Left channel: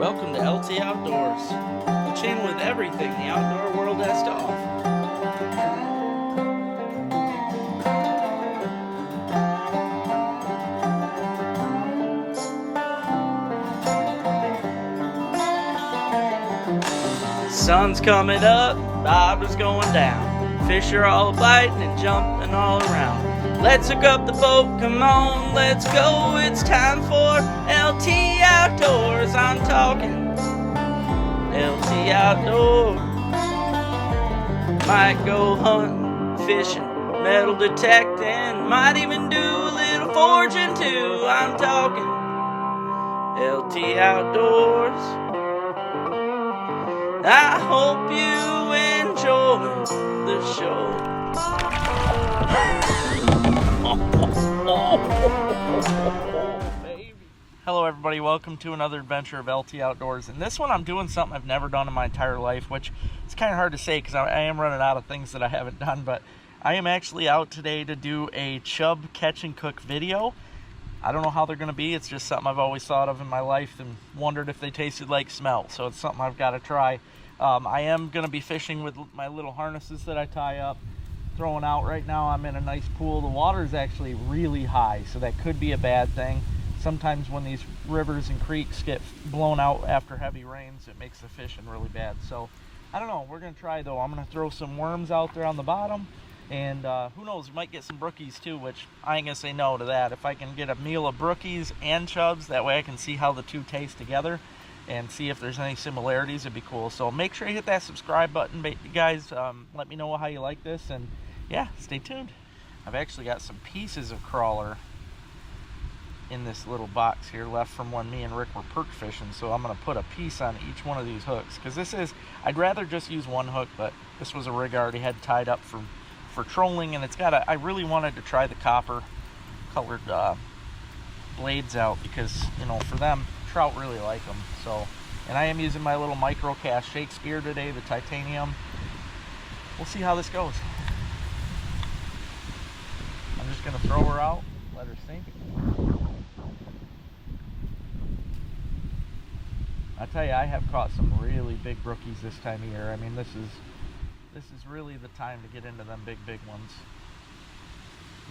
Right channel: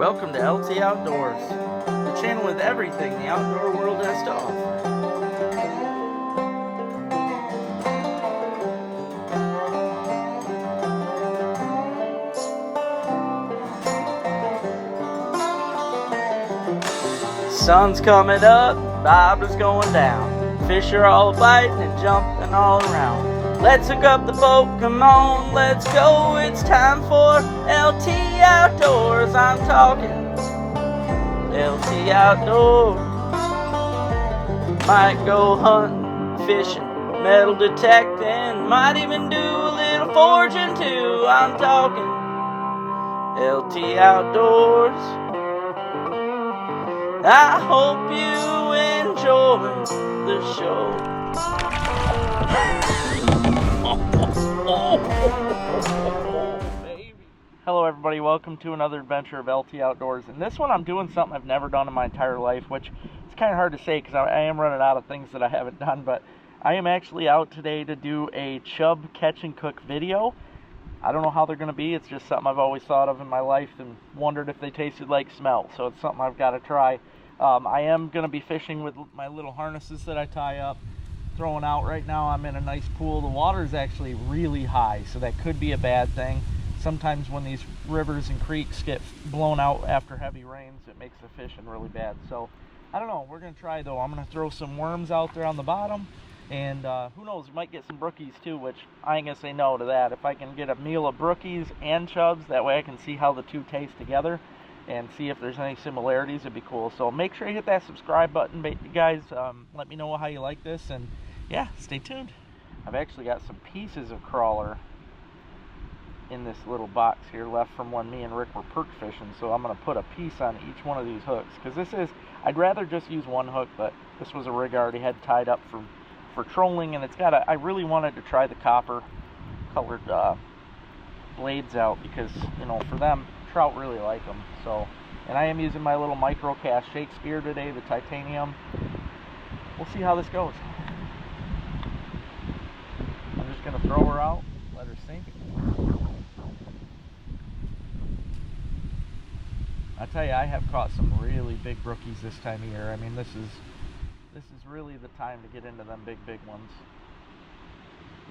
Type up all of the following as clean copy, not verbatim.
Welcome to LT Outdoors, the channel with everything the outdoor world has to offer. Sun's coming up, viber's going down. Fish are all biting and jumping all around. Let's hook up the boat, come on, let's go. It's time for LT Outdoors. I'm talking LT Outdoors. Might go hunting, fishing, metal detecting. Might even do a little foraging too. I'm talking LT Outdoors. I hope you enjoy the show. Hello everybody, welcome to another adventure of LT Outdoors. And this one I'm doing something I've never done in my entire life, which it's kind of hard to say because I am running out of things that I haven't done. But I am actually out today to do a chub catch and cook video. I don't know how they're going to be. It's just something I've always thought of in my life and wondered if they tasted like smelt. So it's something I've got to try. I am going to be fishing with my little harnesses that I tie up, throwing out. Right now I'm in a nice pool. The water is actually really high, so that could be a bad thing. Sometimes when these rivers and creeks get blown out after heavy rains, it makes the fishing really bad. So I don't know. We're going to try though. I'm going to throw some worms out there on the bottom. And who knows, we might get some brookies too, which I ain't going to say no to that. If I can get a meal of brookies and chubs, that way I can see how the two taste together and see if there's any similarities. It'd be cool. So make sure you hit that subscribe button, guys. Let me know how you like this, and yeah, stay tuned. I've actually got some pieces of crawler in this little box here left from when me and Rick were perch fishing, so I'm going to put a piece on each one of these hooks, because I'd rather just use one hook, but this was a rig I already had tied up for trolling, and it's got I really wanted to try the copper colored blades out, because for them, trout really like them. So, and I am using my little micro cast Shakespeare today, the titanium. We'll see how this goes. I'm just gonna throw her out, let her sink. I tell you, I have caught some really big brookies this time of year. I mean, this is really the time to get into them big ones.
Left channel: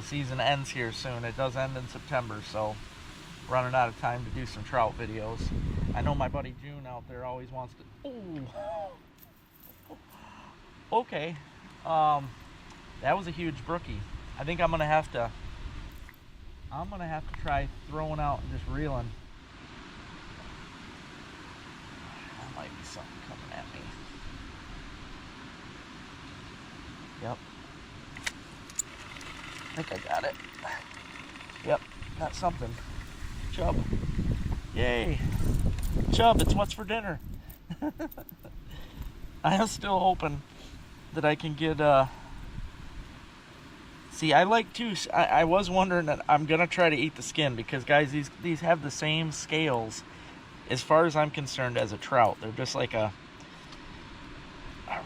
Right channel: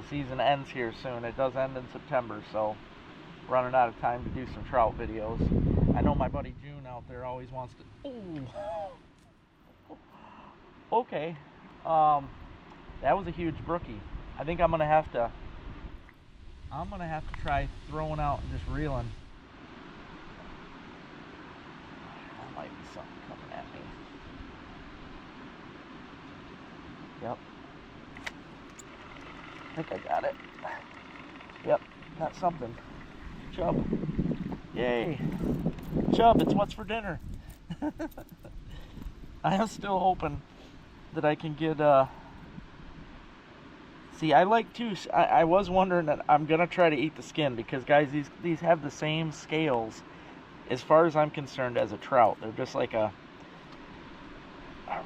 The season ends here soon. It does end in September, so running out of time to do some trout videos. I know my buddy June out there always wants to. Oh, okay. That was a huge brookie. I think I'm gonna have to try throwing out and just reeling. That might be something coming at me. Yep. I think I got it. Yep, got something. Chub. Yay. Chub, it's what's for dinner. I am still hoping that I can get see, I like to I was wondering that I'm gonna try to eat the skin, because guys, these have the same scales as far as I'm concerned as a trout. They're just like a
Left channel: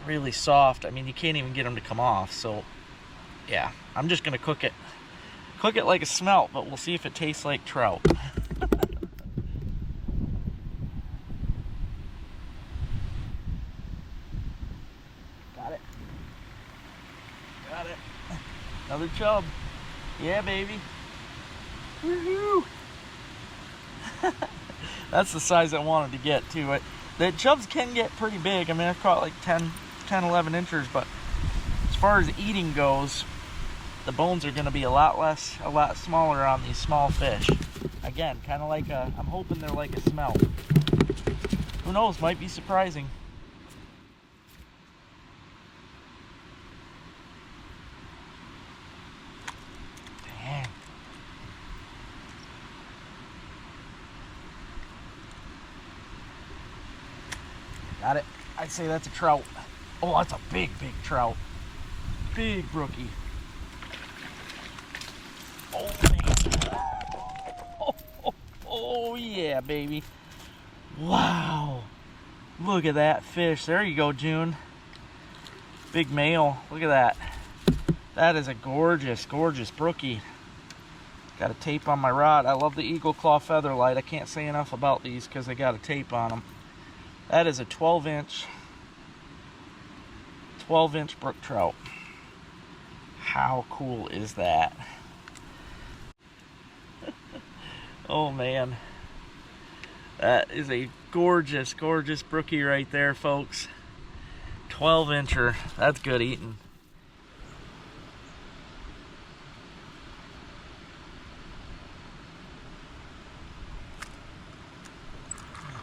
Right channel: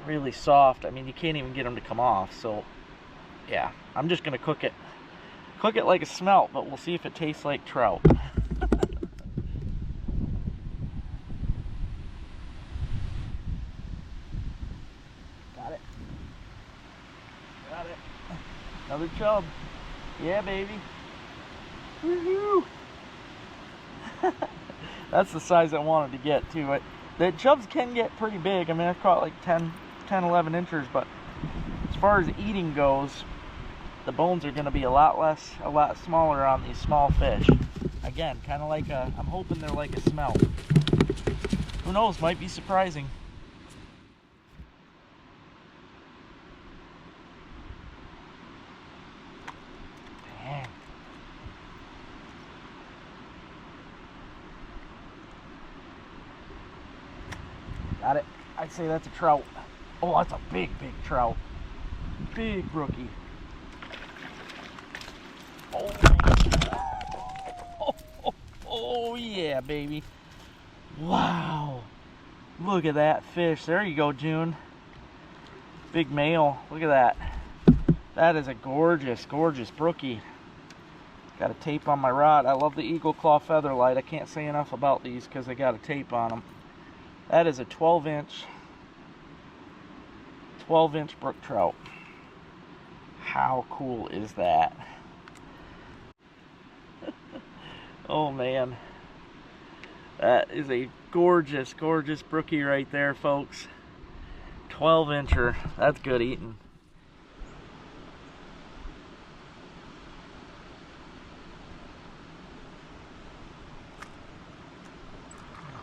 really soft. I mean, you can't even get them to come off. So yeah, I'm just gonna cook it like a smelt, but we'll see if it tastes like trout. Got it. Another chub. Yeah, baby. Woohoo! That's the size I wanted to get too. The chubs can get pretty big. I mean, I've caught like 10, 11 inches, but as far as eating goes, the bones are going to be a lot smaller on these small fish. Again, kind of like I'm hoping they're like a smelt. Who knows, might be surprising. Dang. Got it. I'd say that's a trout. Oh, that's a big trout. Big brookie. Oh, oh yeah, baby. Wow. Look at that fish. There you go, June. Big male. Look at that. That is a gorgeous brookie. Got a tape on my rod. I love the Eagle Claw Feather Light. I can't say enough about these because they got a tape on them. That is a 12-inch brook trout. How cool is that? Oh man, that is a gorgeous brookie right there, folks. 12-incher. That's good eating.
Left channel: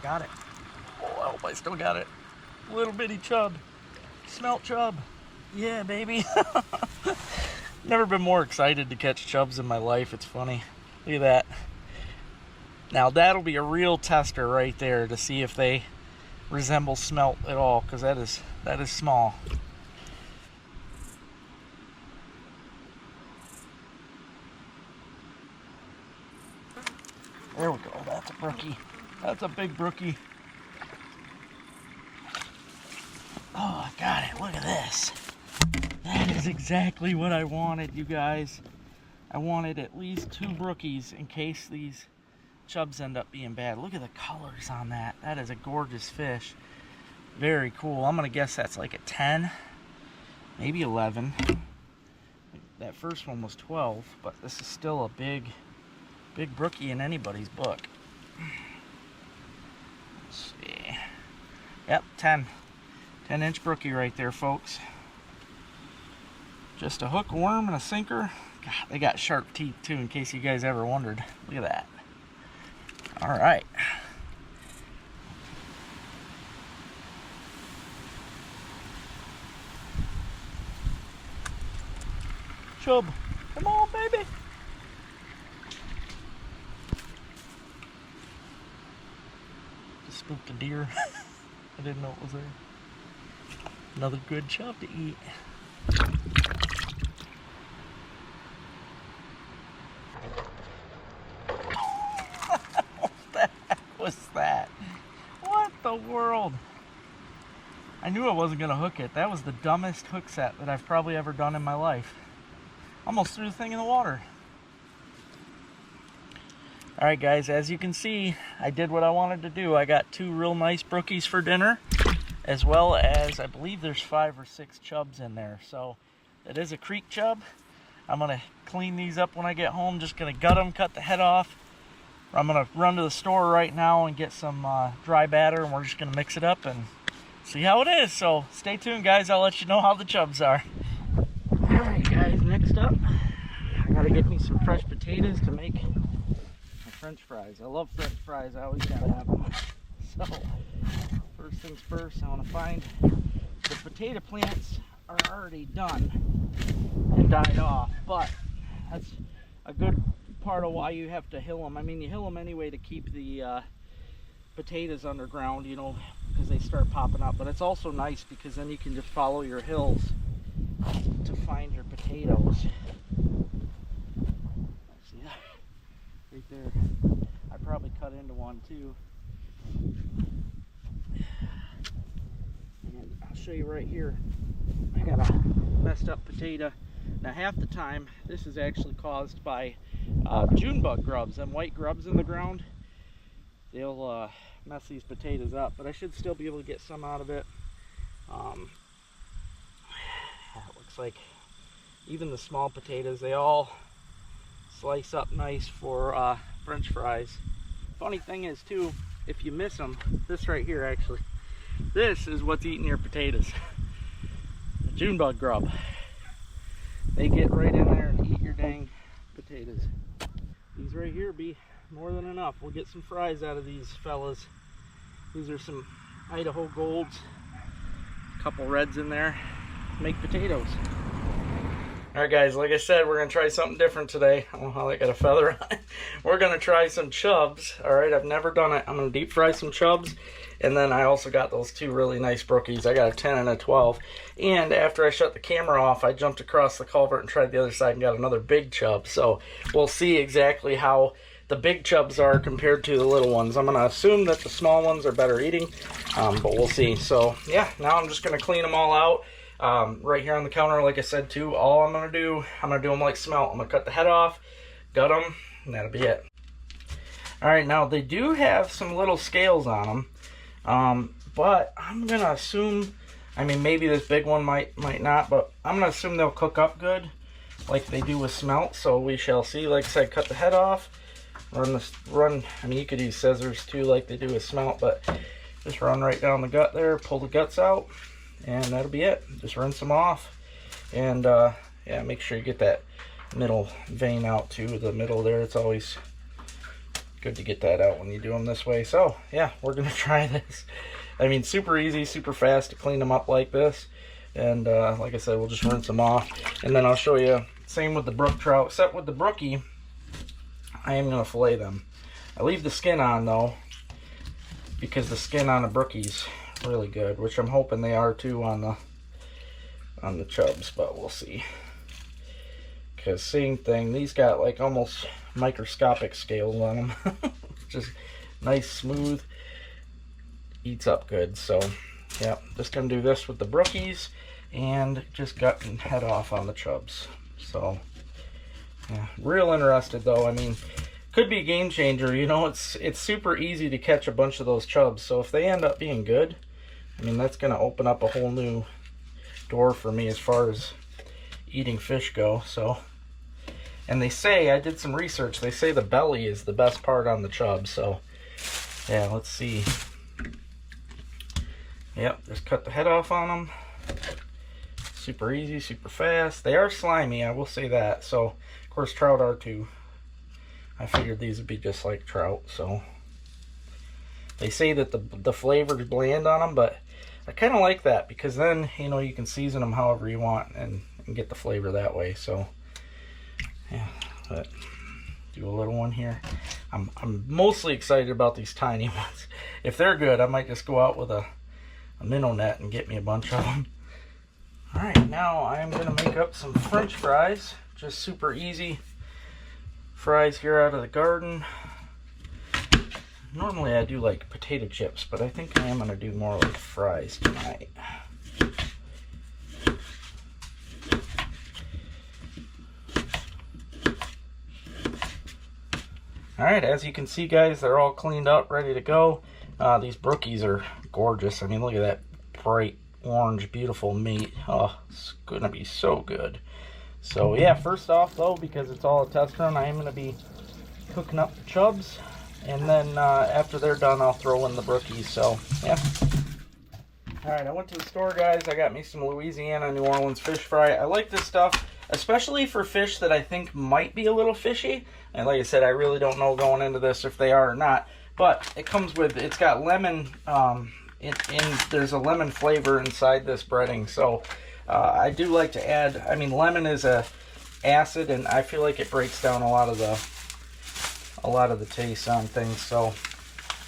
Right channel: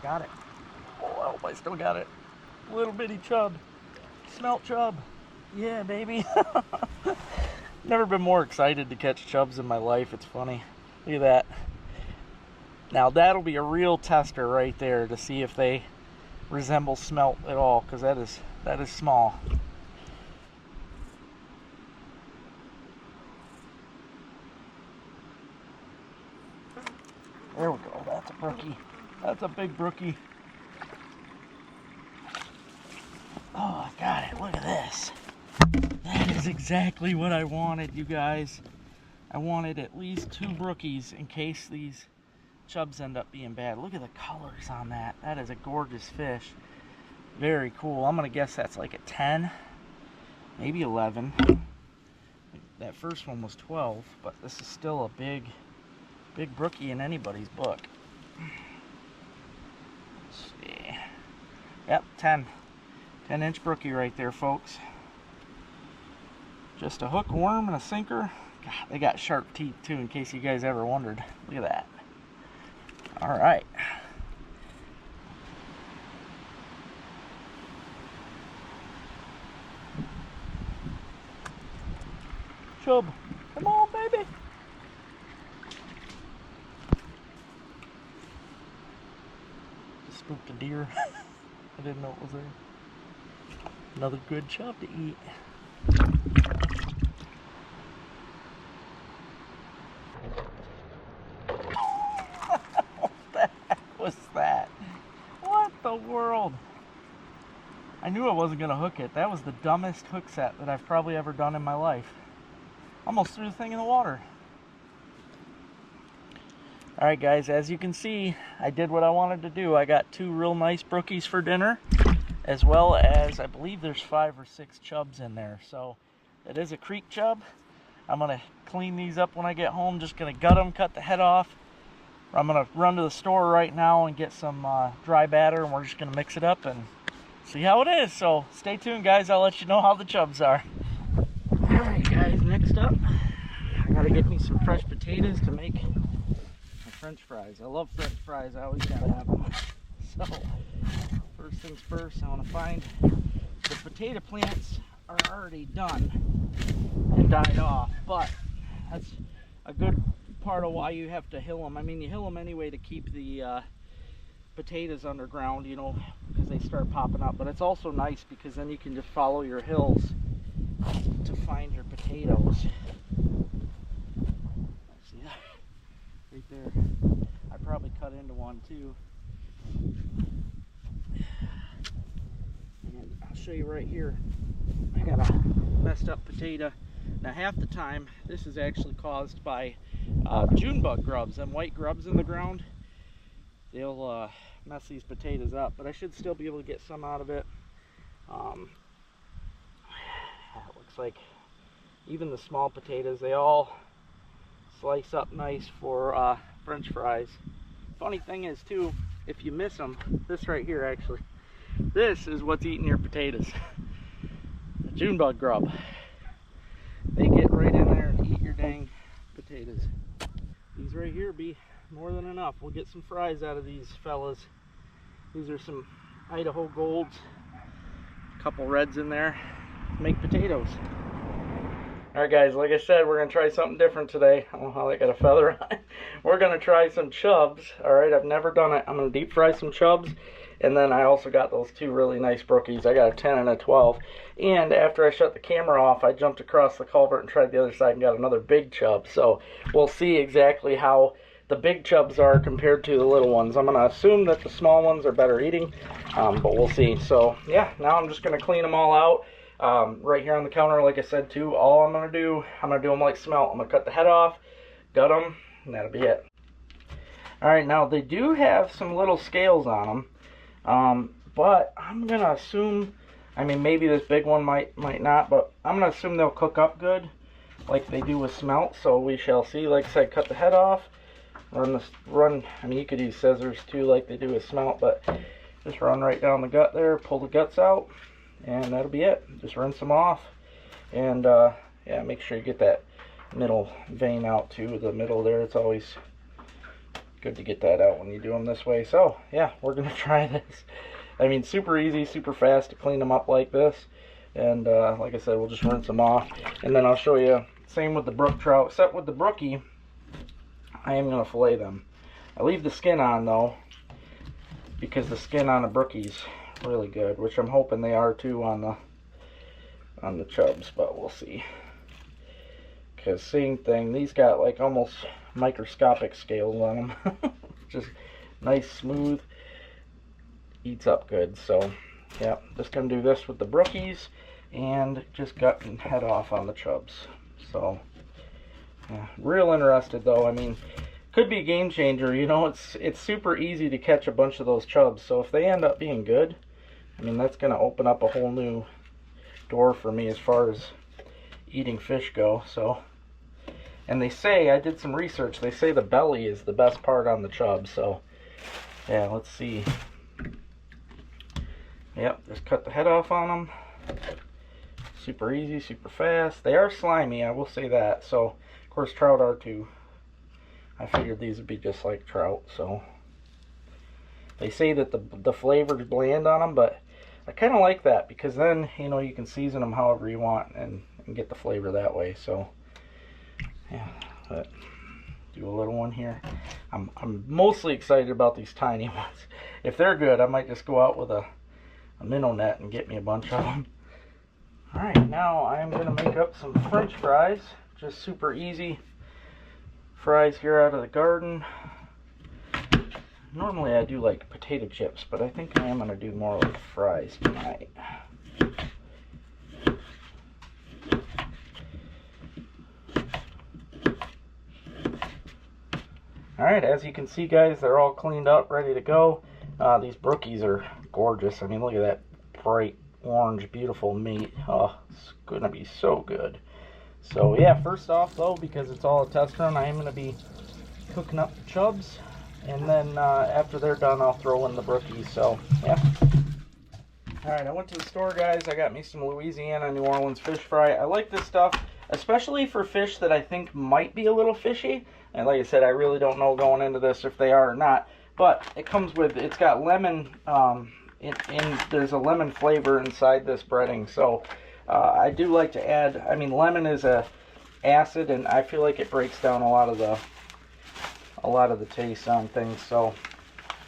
Got it. Oh, I hope I still got it. Little bitty chub. Smelt chub. Yeah, baby. Never been more excited to catch chubs in my life. It's funny. Look at that. Now that'll be a real tester right there to see if they resemble smelt at all, because that is small. There we go. That's a brookie. That's a big brookie. Oh, I got it. Look at this. That is exactly what I wanted, you guys. I wanted at least 2 brookies in case these chubs end up being bad. Look at the colors on that. That is a gorgeous fish. Very cool. I'm going to guess that's like a 10, maybe 11. That first one was 12, but this is still a big brookie in anybody's book. Let's see. Yep, 10-inch brookie right there, folks. Just a hook, worm, and a sinker. God, they got sharp teeth too, in case you guys ever wondered. Look at that. All right. Chub, come on, baby. Just spooked a deer. I didn't know it was there. Another good chub to eat. What the heck was that? What the world? I knew I wasn't gonna hook it. That was the dumbest hook set that I've probably ever done in my life. Almost threw the thing in the water. Alright guys, as you can see, I did what I wanted to do. I got 2 real nice brookies for dinner, as well as, I believe there's 5 or 6 chubs in there. So, it is a creek chub. I'm going to clean these up when I get home. Just going to gut them, cut the head off. I'm going to run to the store right now and get some dry batter, and we're just going to mix it up and see how it is. So, stay tuned guys, I'll let you know how the chubs are. Alright guys, next up, I got to get me some fresh potatoes to make French fries. I love French fries. I always gotta have them. So, first things first, I want to find the potato plants are already done and died off, but that's a good part of why you have to hill them. I mean, you hill them anyway to keep the potatoes underground, you know, because they start popping up. But it's also nice because then you can just follow your hills to find your potatoes. See that? Right there. I probably cut into one too. And I'll show you right here. I got a messed up potato. Now half the time this is actually caused by June bug grubs. Them white grubs in the ground. They'll mess these potatoes up, but I should still be able to get some out of it. It looks like even the small potatoes, they all slice up nice for French fries. Funny thing is too, if you miss them, this right here actually, this is what's eating your potatoes. The June bug grub. They get right in there and eat your dang potatoes. These right here be more than enough. We'll get some fries out of these fellas. These are some Idaho Golds. A couple reds in there. Make potatoes. Alright guys, like I said, we're going to try something different today. I don't know how they got a feather on it. We're going to try some chubs. Alright, I've never done it. I'm going to deep fry some chubs. And then I also got those 2 really nice brookies. I got a 10 and a 12. And after I shut the camera off, I jumped across the culvert and tried the other side and got another big chub. So we'll see exactly how the big chubs are compared to the little ones. I'm going to assume that the small ones are better eating, but we'll see. So yeah, now I'm just going to clean them all out. Right here on the counter, like I said too, all I'm going to do them like smelt. I'm going to cut the head off, gut them, and that'll be it. All right, now they do have some little scales on them, but I'm gonna assume, I mean, maybe this big one might not, but I'm gonna assume they'll cook up good, like they do with smelt. So we shall see. Like I said, cut the head off, run. I mean, you could use scissors too, like they do with smelt, but just run right down the gut there, pull the guts out, and that'll be it. Just rinse them off, and yeah, make sure you get that middle vein out too. The middle there, it's always good to get that out when you do them this way. So yeah, we're gonna try this. I mean, super easy, super fast to clean them up like this. And like I said, we'll just rinse them off, and then I'll show you. Same with the brook trout, except with the brookie, I am gonna fillet them. I leave the skin on though, because the skin on the brookie's really good, which I'm hoping they are too on the chubs, but we'll see. Because same thing, these got like almost microscopic scales on them. Just nice, smooth, eats up good. So yeah, just gonna do this with the brookies, and just gut and head off on the chubs. So yeah, real interested though. I mean, could be a game changer. You know, it's super easy to catch a bunch of those chubs, so if they end up being good, I mean, that's gonna open up a whole new door for me as far as eating fish go. So, and they say, I did some research, they say the belly is the best part on the chub. So yeah, let's see. Yep, just cut the head off on them. Super easy, super fast. They are slimy, I will say that. So of course trout are too. I figured these would be just like trout. So they say that the flavor is bland on them, but I kind of like that, because then, you know, you can season them however you want and get the flavor that way. So yeah, but do a little one here. I'm mostly excited about these tiny ones. If they're good, I might just go out with a minnow net and get me a bunch of them. All right, now I'm gonna make up some French fries. Just super easy fries here out of the garden. Normally I do like potato chips, but I think I am gonna do more like fries tonight. Alright, as you can see guys, they're all cleaned up, ready to go. These brookies are gorgeous. I mean, look at that bright orange, beautiful meat. Oh, it's gonna be so good. So yeah, first off though, because it's all a test run, I am gonna be cooking up the chubs. And then after they're done, I'll throw in the brookies. So yeah. Alright, I went to the store guys. I got me some Louisiana New Orleans fish fry. I like this stuff, especially for fish that I think might be a little fishy. And like I said, I really don't know going into this if they are or not. But it comes with, it's got lemon, there's a lemon flavor inside this breading. So I do like to add, I mean, lemon is a acid, and I feel like it breaks down a lot of the taste on things. So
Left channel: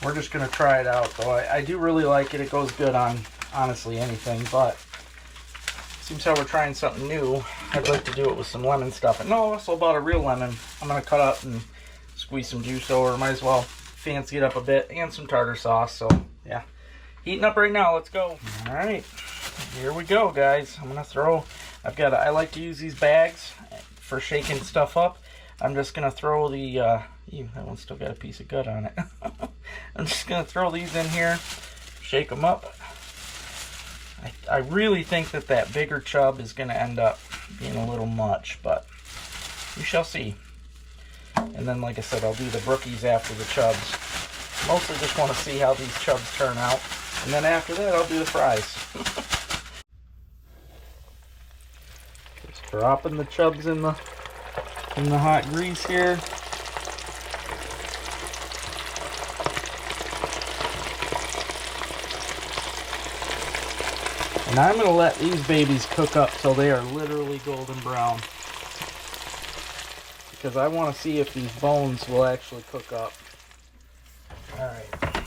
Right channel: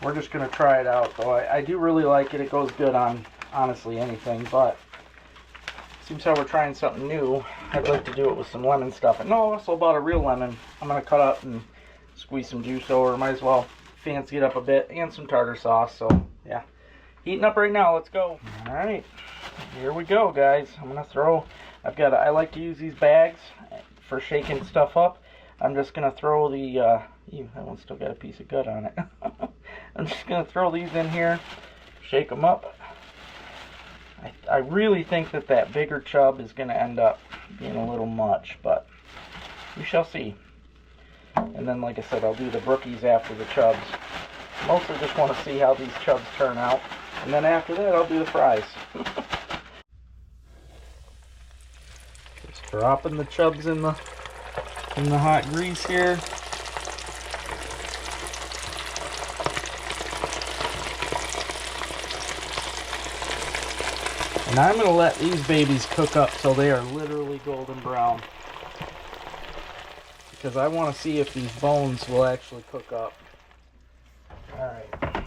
we're just gonna try it out though. I do really like it. It goes good on honestly anything, but seems how we're trying something new. I'd like to do it with some lemon stuff. And no, also bought a real lemon. I'm gonna cut up and squeeze some juice over. Might as well fancy it up a bit, and some tartar sauce. So yeah, heating up right now. Let's go. All right, here we go guys. I'm gonna throw, I like to use these bags for shaking stuff up. I'm just gonna throw the that one's still got a piece of gut on it. I'm just gonna throw these in here, shake them up. I really think that bigger chub is gonna end up being a little much, but we shall see. And then, like I said, I'll do the brookies after the chubs. Mostly just want to see how these chubs turn out, and then after that, I'll do the fries. Just dropping the chubs in the hot grease here. And I'm going to let these babies cook up till they are literally golden brown, because I want to see if these bones will actually cook up. Alright, I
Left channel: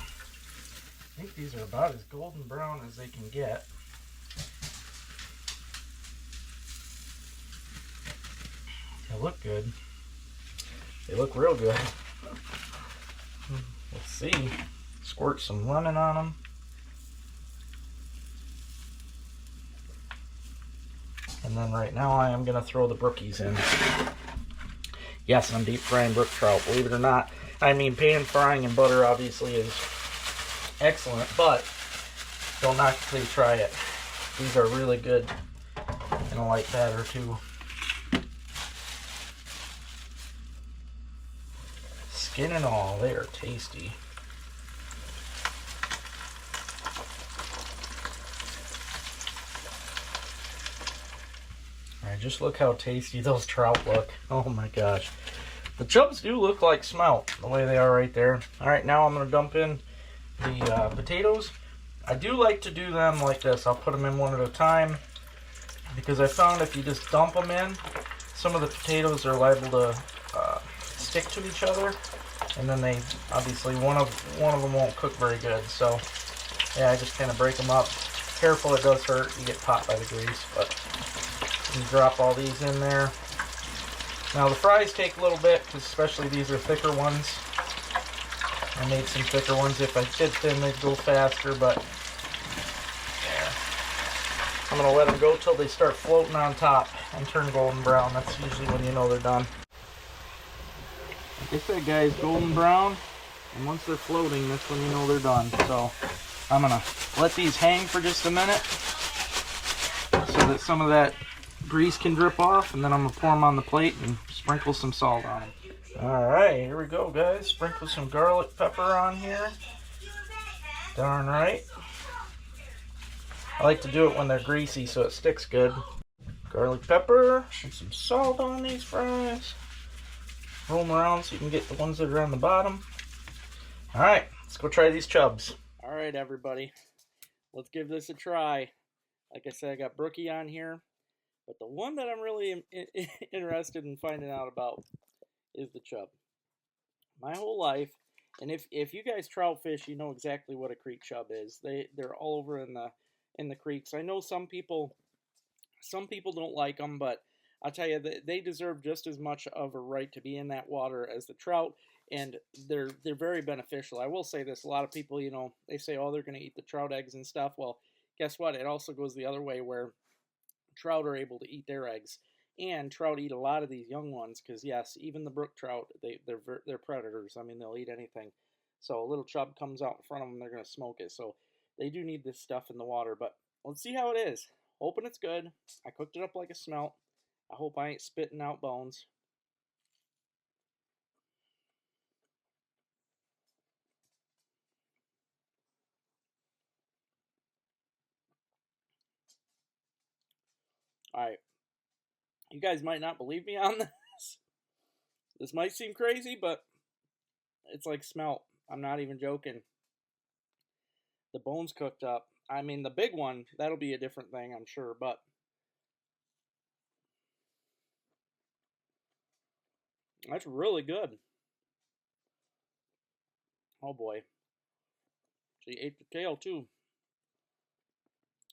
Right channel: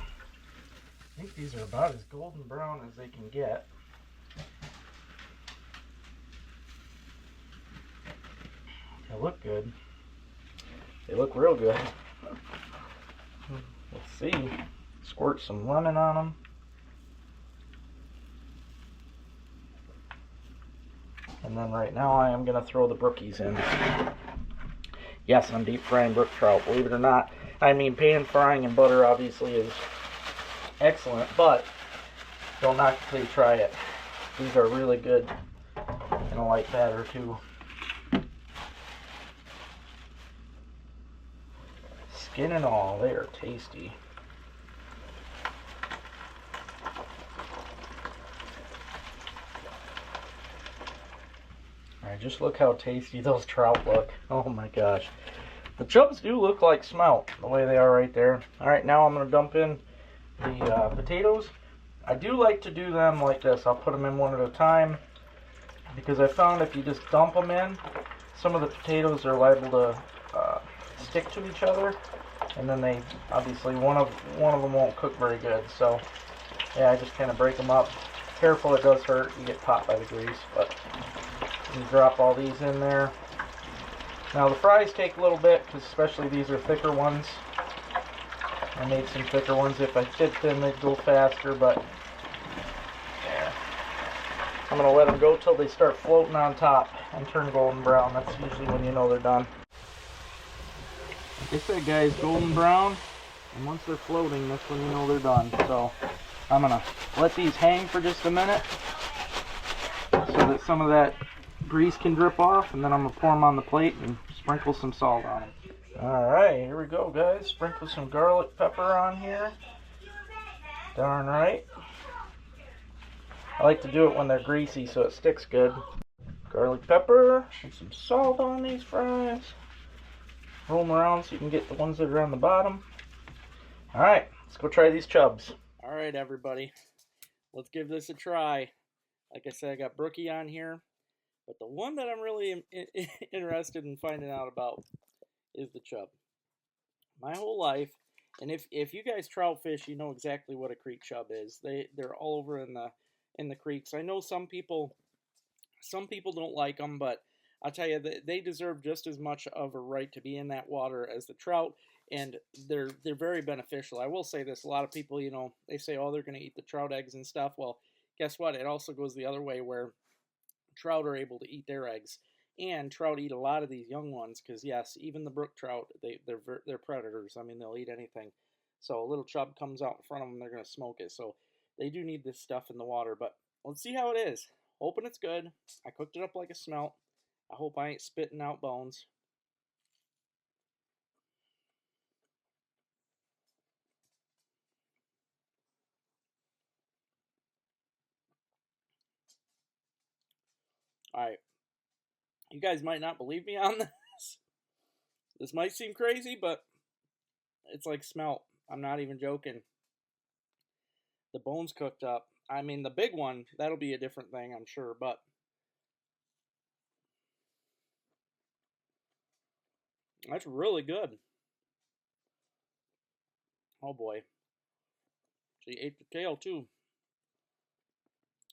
think these are about as golden brown as they can get. They look good. They look real good. Let's see. Squirt some lemon on them. And then right now I am going to throw the brookies in. Yes, I'm deep frying brook trout, believe it or not. I mean, pan frying in butter obviously is excellent, but don't knock it till you try it. These are really good in a light batter too. Skin and all, they are tasty. Alright, just look how tasty those trout look. Oh my gosh. The chubs do look like smelt, the way they are right there. Alright, now I'm going to dump in the potatoes. I do like to do them like this. I'll put them in one at a time, because I found if you just dump them in, some of the potatoes are liable to stick to each other, and then they obviously one of them won't cook very good. So yeah, I just kind of break them up. Careful, it does hurt. You get popped by the grease, but you drop all these in there. Now the fries take a little bit, because especially these are thicker ones. I made some thicker ones. If I did thin, they'd go faster, but yeah. I'm going to let them go till they start floating on top and turn golden brown. That's usually when you know they're done. Like I said, guys, golden brown, and once they're floating, that's when you know they're done. So I'm going to let these hang for just a minute so that some of that grease can drip off, and then I'm going to pour them on the plate and sprinkle some salt on them. Alright, here we go, guys. Sprinkle some garlic pepper on here. Darn right. I like to do it when they're greasy so it sticks good. Garlic pepper and some salt on these fries. Roll them around so you can get the ones that are on the bottom. Alright, let's go try these chubs. Alright, everybody. Let's give this a try. Like I said, I got brookie on here. But the one that I'm really interested in finding out about is the chub. My whole life, and if you guys trout fish, you know exactly what a creek chub is. They're all over in the creeks. I know some people don't like them, but I'll tell you, they deserve just as much of a right to be in that water as the trout, and they're very beneficial. I will say this: a lot of people, you know, they say, oh, they're going to eat the trout eggs and stuff. Well, guess what? It also goes the other way, where trout are able to eat their eggs, and trout eat a lot of these young ones, because yes, even the brook trout, they're predators. I mean, they'll eat anything. So a little chub comes out in front of them, they're going to smoke it. So they do need this stuff in the water. But let's see how it is. Hoping it's good. I cooked it up like a smelt. I hope I ain't spitting out bones. Alright, you guys might not believe me on this. This might seem crazy, but it's like smelt. I'm not even joking. The bones cooked up. I mean, the big one, that'll be a different thing, I'm sure, but that's really good. Oh boy. She ate the tail too.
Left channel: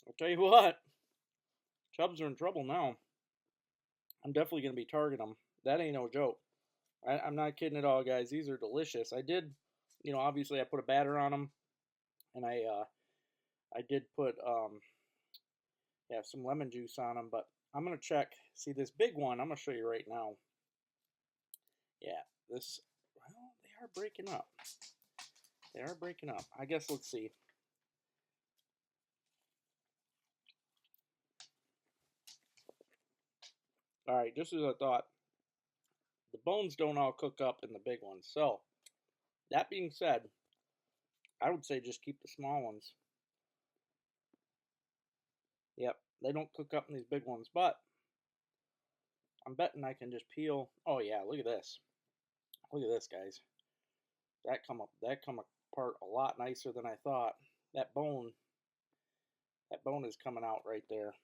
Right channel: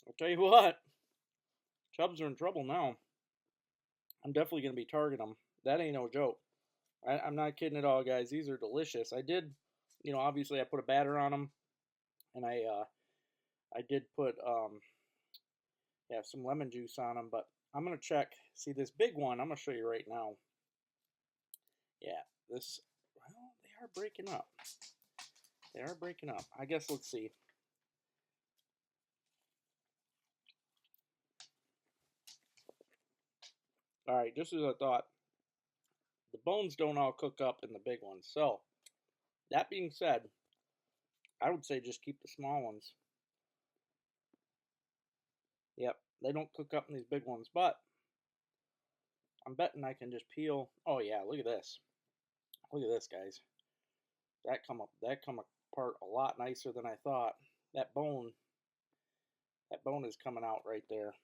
I'll tell you what, Chubs are in trouble now. I'm definitely going to be targeting them. That ain't no joke. I'm not kidding at all, guys. These are delicious. I did, you know, obviously I put a batter on them, and I did put yeah, some lemon juice on them, but I'm going to check. See, this big one, I'm going to show you right now. Yeah, this, well, they are breaking up. They are breaking up. I guess let's see. All right, just as I thought, the bones don't all cook up in the big ones. So, that being said, I would say just keep the small ones. Yep, they don't cook up in these big ones, but I'm betting I can just peel. Oh yeah, look at this. Look at this, guys. That come apart a lot nicer than I thought. That bone is coming out right there.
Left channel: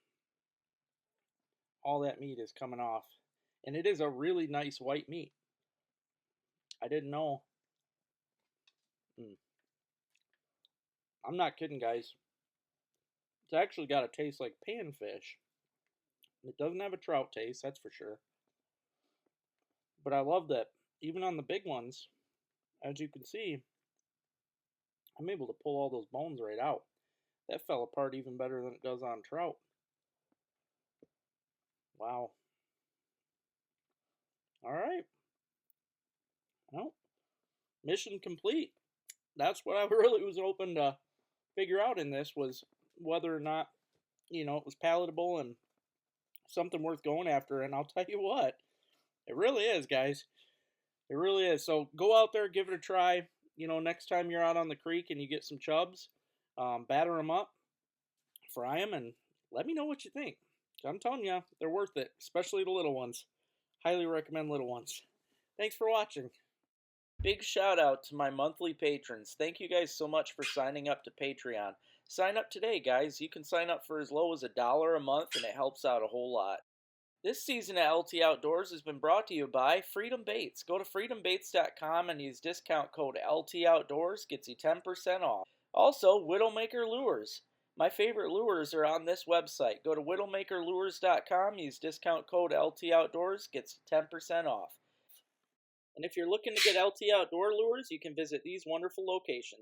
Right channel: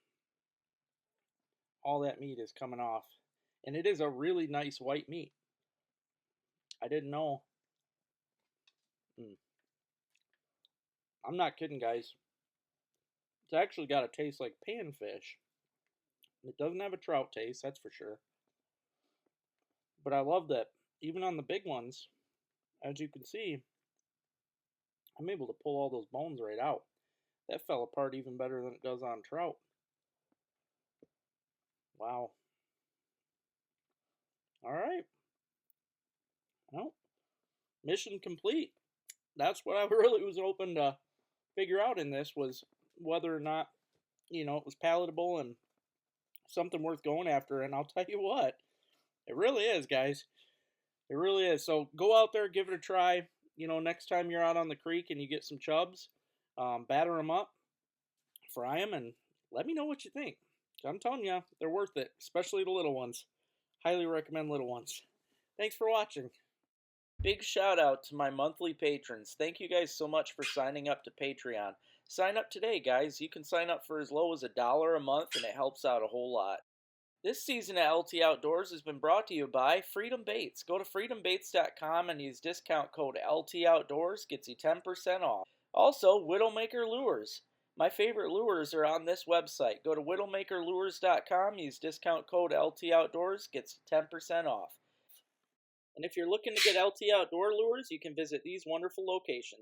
All that meat is coming off. And it is a really nice white meat. I didn't know. I'm not kidding, guys. It's actually got a taste like panfish. It doesn't have a trout taste, that's for sure. But I love that even on the big ones, as you can see, I'm able to pull all those bones right out. That fell apart even better than it does on trout. Wow. All right. Well, mission complete. That's what I really was hoping to figure out in this, was whether or not, it was palatable and something worth going after. And I'll tell you what, it really is, guys. It really is. So go out there, give it a try. Next time you're out on the creek and you get some chubs, batter them up, fry them, and let me know what you think. I'm telling you, they're worth it, especially the little ones. Highly recommend little ones. Thanks for watching. Big shout out to my monthly patrons. Thank you guys so much for signing up to Patreon. Sign up today, guys. You can sign up for as low as $1 a month, and it helps out a whole lot. This season of LT Outdoors has been brought to you by Freedom Baits. Go to freedombaits.com and use discount code LT Outdoors. Gets you 10% off. Also, Widowmaker Lures. My favorite lures are on this website. Go to widowmakerlures.com, use discount code LT Outdoors. Gets you 10% off. And if you're looking to get LT Outdoor lures, you can visit these wonderful locations.